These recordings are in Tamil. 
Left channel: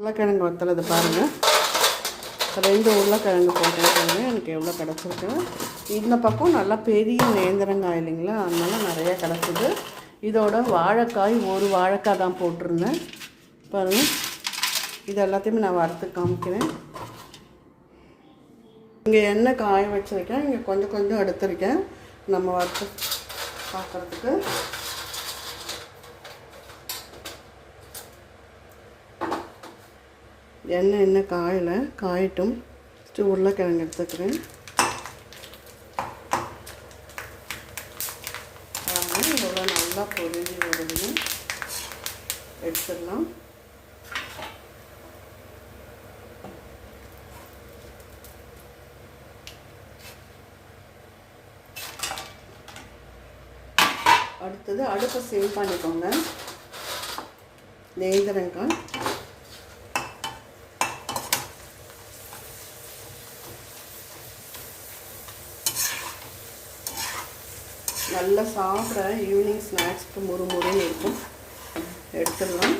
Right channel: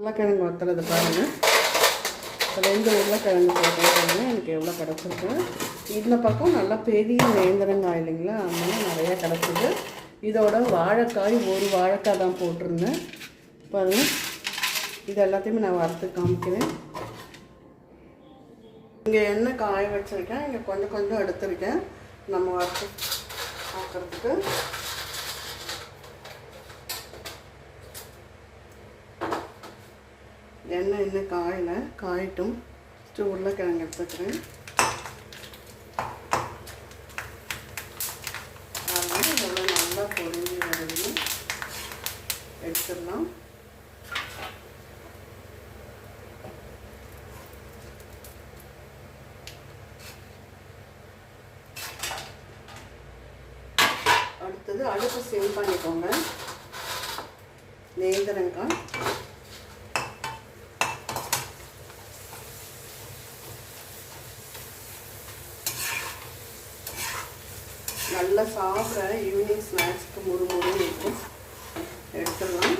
உருளைக்கிழங்கு வத்தலது பாருங்கள் ரெண்டு உருளைக்கிழங்கு போட்டேன் பாருங்கள் எனக்கு எவ்வளோ கிடச்சிருக்கு. இந்த பக்கம் நல்லா பெரிய நேந்திரங்காய் இல்லைங்களா? அதனால நிறையா கிடச்சிது. இதோட வாழைக்காய் ஒரு வாழைக்காய் தான் போட்டிருந்தேன். பாருங்கள் இது எல்லாத்தையுமே நான் வறுத்து காமிக்கிறேன். இங்கே எண்ணெய் காய வச்சுருக்கேன். இங்கே கொஞ்சம் கொஞ்சம் எடுத்திருக்கேன். நம்ம வறுத்து பார்க்குறதுக்கு. எண்ணெய் எண்ணெய் காயலை காயட்டும். ஃபஸ்ட்டு உருளைக்கிழங்கு எடுத்துக்கிறேன். அதனால இதெல்லாம் நல்லா பொரிஞ்சு வருது எடுத்துடலாம். அடுத்தது அடுப்பு சேவ் பண்ணிக்கோங்க. நேந்திரங்காய் நல்லா சாப்பிட்ற ஈவினிங் ஸ்நாக்ஸ்க்கு முறு முறுன்னு இருக்கும். எடுத்துடலாம்.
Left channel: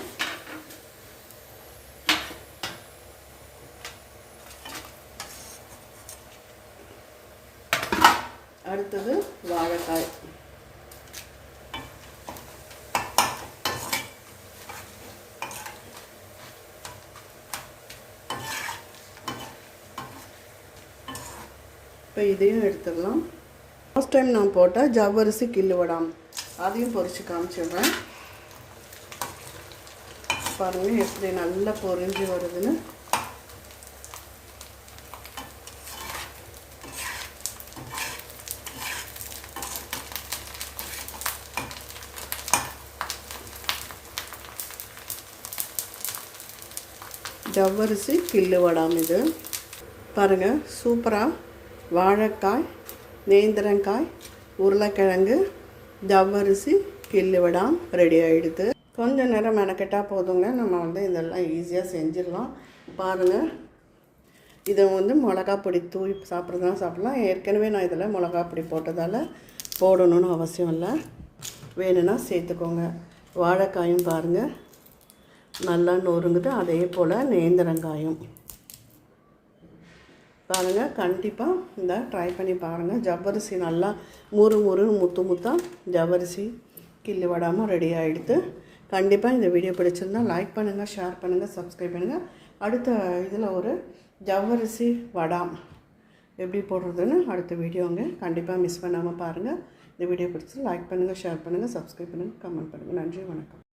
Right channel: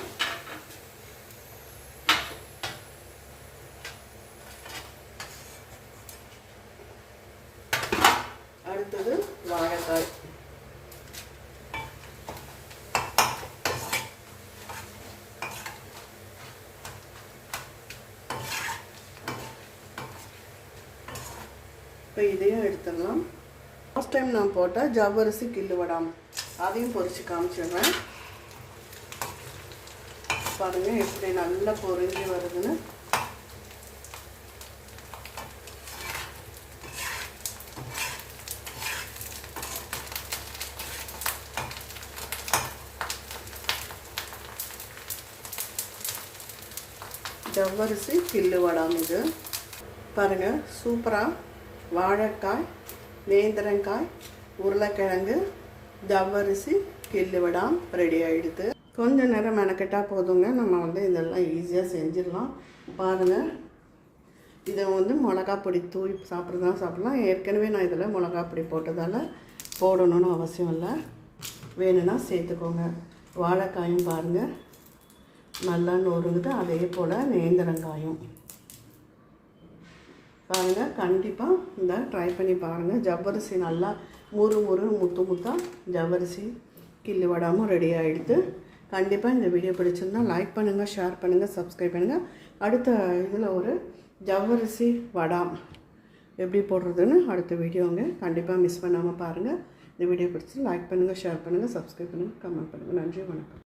அடுத்தது வாழைக்காய். இப்போ இதையும் எடுத்துடலாம். ஃபஸ்ட் டைம் நான் போட்டேன் ஜவ்வரிசி கில்லு வடாம். அதையும் பொரித்து காமிச்சிடுறேன். பாருங்கள் எப்படி நல்லா பொரிஞ்சு வருதுன்னு. ஜவ்வரிசி கில்லு வடாம் இது. பாருங்கள் சூப்பராக வாழைக்காய் நேந்திரங்காய் உருளைக்கிழங்கு ஜவ்வரிசி கில்லு விடாம் ரெடி ஆகிடுது கொஞ்ச நேரம் மெனக்கெட்டால் போதுங்க. நம்ம வந்து இதெல்லாம் ஈஸியாக செஞ்சிடலாம். பாருங்கள் இதை வந்து மிளகா பொடி தூவி சாப்பிட்றதா சாப்பிட்லாம். ஏற்கனவே நான் இதில் மிளகா பொடி போட்டதால் போடணும்னு அவசியம் இல்லை. வேணும்னா சேர்த்துக்கோங்க. வாழைக்காயும் பாருங்கள் நல்லா நொறுங்குது. அதே போல் நேந்திரங்காயும். பாருங்கள் கண்டிப்பாக இந்த ட்ரை பண்ணி பாருங்கள் ஜவ்வரிசி நல்லா முறு முறு முத்து முத்தாக ஜவ்வரிசி கிள்ளி விடாமல் ரெடி ஆகிடுது கண்டிப்பாக இந்த வீடியோ பிடிச்சிருந்தா லைக் பண்ணுங்கள் ஷேர் பண்ணுங்கள் சப்ஸ்கிரைப் பண்ணுங்கள் அடுத்த இதில் ஒரு ஜவ்வரிசி வடாம் எப்படி போடுறதுன்னு அடுத்த வீடியோங்க கண்டிப்பாக மிஸ் பண்ணாமல் பாருங்கள் இந்த வீடியோ பிடிச்சி லைக் பண்ணுங்கள் ஷேர் பண்ணுங்கள் சப்ஸ்கிரைப் பண்ணுங்கள் கமெண்ட் பண்ணுங்கள் நன்றி வணக்கம்.